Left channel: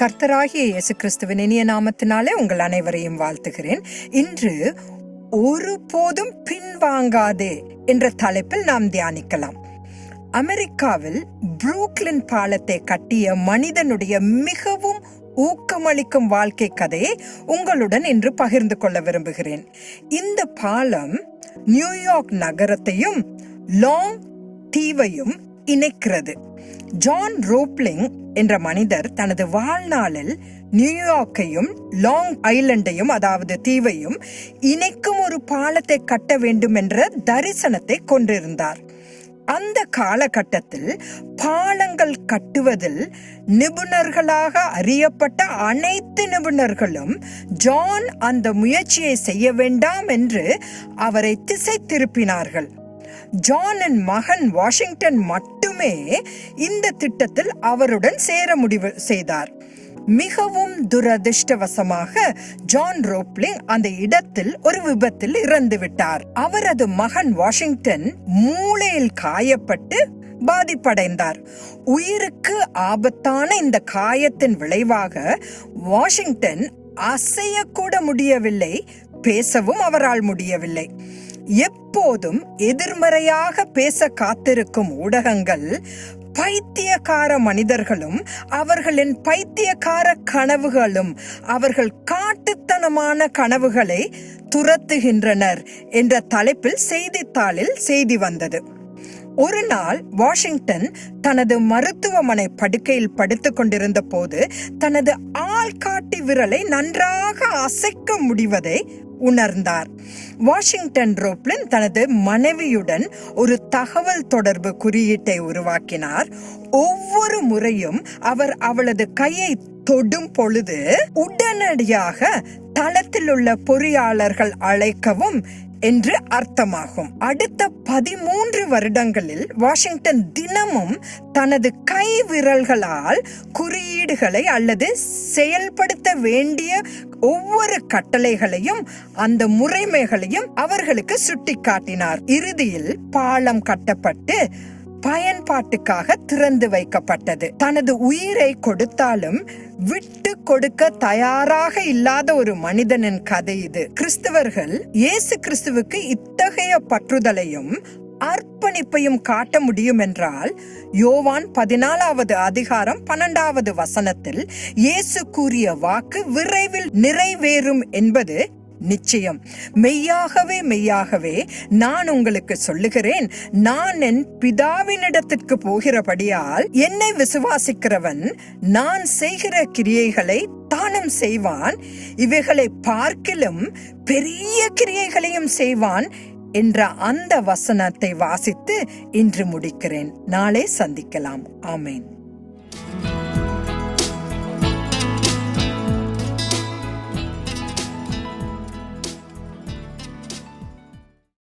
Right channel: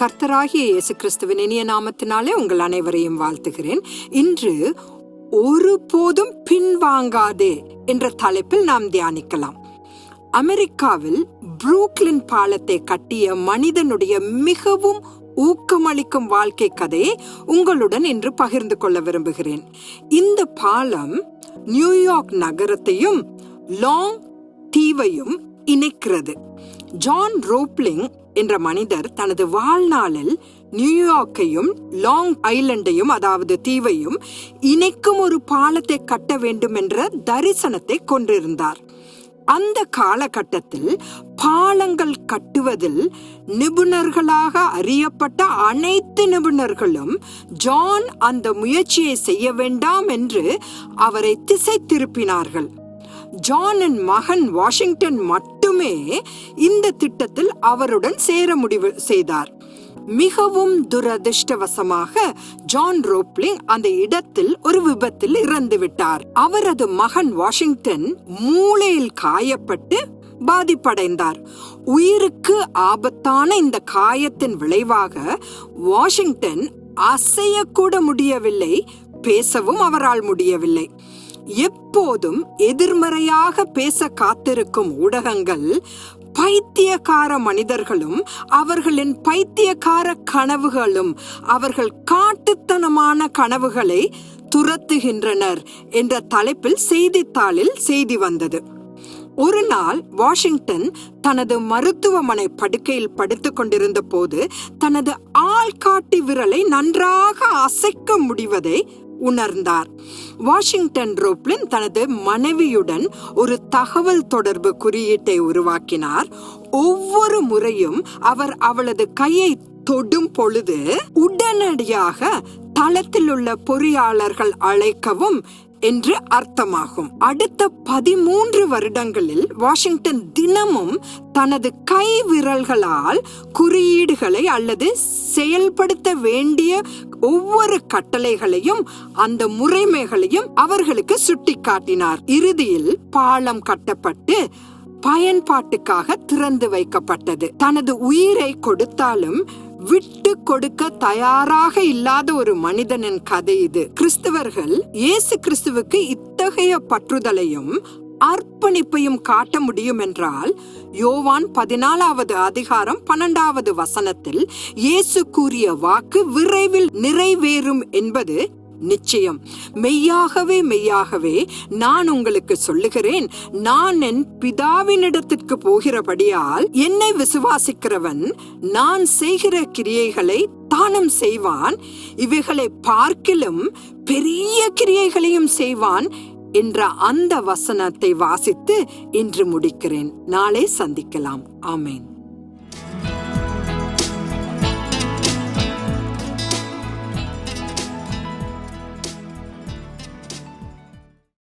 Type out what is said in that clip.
கர்த்தராகிய இயேசு கிறிஸ்துவின் இனிய நாமத்தினாலே உங்கள் அனைவரையும் வாழ்த்துகிறேன். இன்று ஒருபோதும் பின்வாங்காதே என்ற தலைப்பில் நாம் தியானிக்கலாம். அமெரிக்காவில் புரூக்லின் பாலத்தை கட்டிய மனிதனுடைய மிகவும் ஊக்கமளிக்கும் வாழ்க்கை கதையை உங்களுடன் இன்று பகிர்ந்து கொள்ள விரும்புகிறேன். இந்த பாலம் நியூயார்க் நகரத்தையும் லாங் தீவையும் இணைக்கிறது. ஜான் ரோப்லிங் என்ற மனிதர் தனது வாழ்நாளில் நியூயார்க்கையும் லாங் ஐலண்டையும் அதாவது தீவையும் இணைக்கும் ஒரு பாலத்தை கட்ட வேண்டும் என்ற தரிசனத்தை கொண்டிருந்தார். அந்த காலகட்டத்தில் பாலங்கள் கட்டுவதில் நிபுணர்களாக அறியப்பட்ட அனைத்து நிபுணர்களும் ஜான் அந்த முயற்சியை செய்ய வேண்டாம் என்று அவரை திசை திருப்பினார்கள். ஜானின் மகன் வாஷிங்டன் மட்டுமே இந்த திட்டத்தில் அவருடன் சேர முடிவு செய்தார். மிகவும் துரதிர்ஷ்டவசமாக ஜான் ரோப்லிங் அந்த இடத்தில் ஒரு விபத்தில் இறந்து விட்டார். அவரது மகன் வாஷிங்டன் மூளையில் காயப்பட்டு பாதிப்படைந்தார். உயிருக்கு ஆபத்தான இந்த காயத்தின் விளைவாக வாஷிங்டன் அசையக்கூட முடியவில்லை பேசவும் அவரால் முடியவில்லை. எப்போதும் எதிர்மறையாக பேச காத்திருக்கும் ஊடகங்கள் பைத்தியக்கார மனிதர்களும் அவர்களின் பைத்தியக்கார கனவுகளும் அவர்கள் காட்டுத்தனமான கனவுகளை துரத்துகின்றனர் என்ற தலைப்பில் செய்தித்தாளில் செய்தி வந்தது. ஒரு நாள் வாஷிங்டன் தனது மருத்துவமனை படுக்கையில் படுத்துக் கொண்டிருந்த போது தனது ஆள்காட்டி விரலை நன்றாக அசைக்க முடிவதை உணர்ந்தார். வாஷிங்டன் ரோப்லின் தனது மனைவியுடன் ஒரு தகவல் தொடர்பு குறியீட்டை உருவாக்கினார். ஒவ்வொரு முறையும் அவர் அவளது கையை தொடும் பொழுது உடனடியாக தளத்தில் உள்ள பொறியாளர்கள் அழைக்கவும் என்று அர்த்தமாகும். அடுத்த பதிமூன்று வருடங்களில் வாஷிங்டன் தினமும் தனது கை விரல்களால் குறியீடுகளை அல்லது செயல்படுத்த வேண்டிய ஒவ்வொரு கட்டளைகளையும் அந்த முறைமைகளையும் அவர்களுக்கு சுட்டிக்காட்டினார். இறுதியில் பாலம் கட்டப்பட்டு பயன்பாட்டுக்காக திறந்து வைக்கப்பட்டது. தனது உயிரை கொடுத்தாலும் விட்டு கொடுக்க தயாராக இல்லாத ஒரு மனிதனின் கதை இது. கிறிஸ்தவர்கள் இயேசு கிறிஸ்துவுக்கு இத்தகைய பற்றுதலையும் அர்ப்பணிப்பையும் காட்ட முடியும் என்றால் யோவான் பதினாலாவது அதிகாரம் பன்னெண்டாவது வசனத்தில் இயேசு கூறிய வாக்கு விரைவில் நிறைவேறும் என்பது நிச்சயம். மெய்யாகவே மெய்யாகவே நான் உங்களுக்கு சொல்லுகிறேன். நான் என் பிதாவினிடத்திற்கு போகிறபடியால் என்னை விசுவாசிக்கிறவன் நான் செய்கிற கிரியைகளை தானும் செய்வான். இவைகளை பார்க்கிலும் பெரிய கிரியைகளையும் செய்வான் என்ற அந்த வசனத்தை வாசித்து இன்று முடிக்கிறேன். நாளை சந்திக்கலாம். ஆமேன்.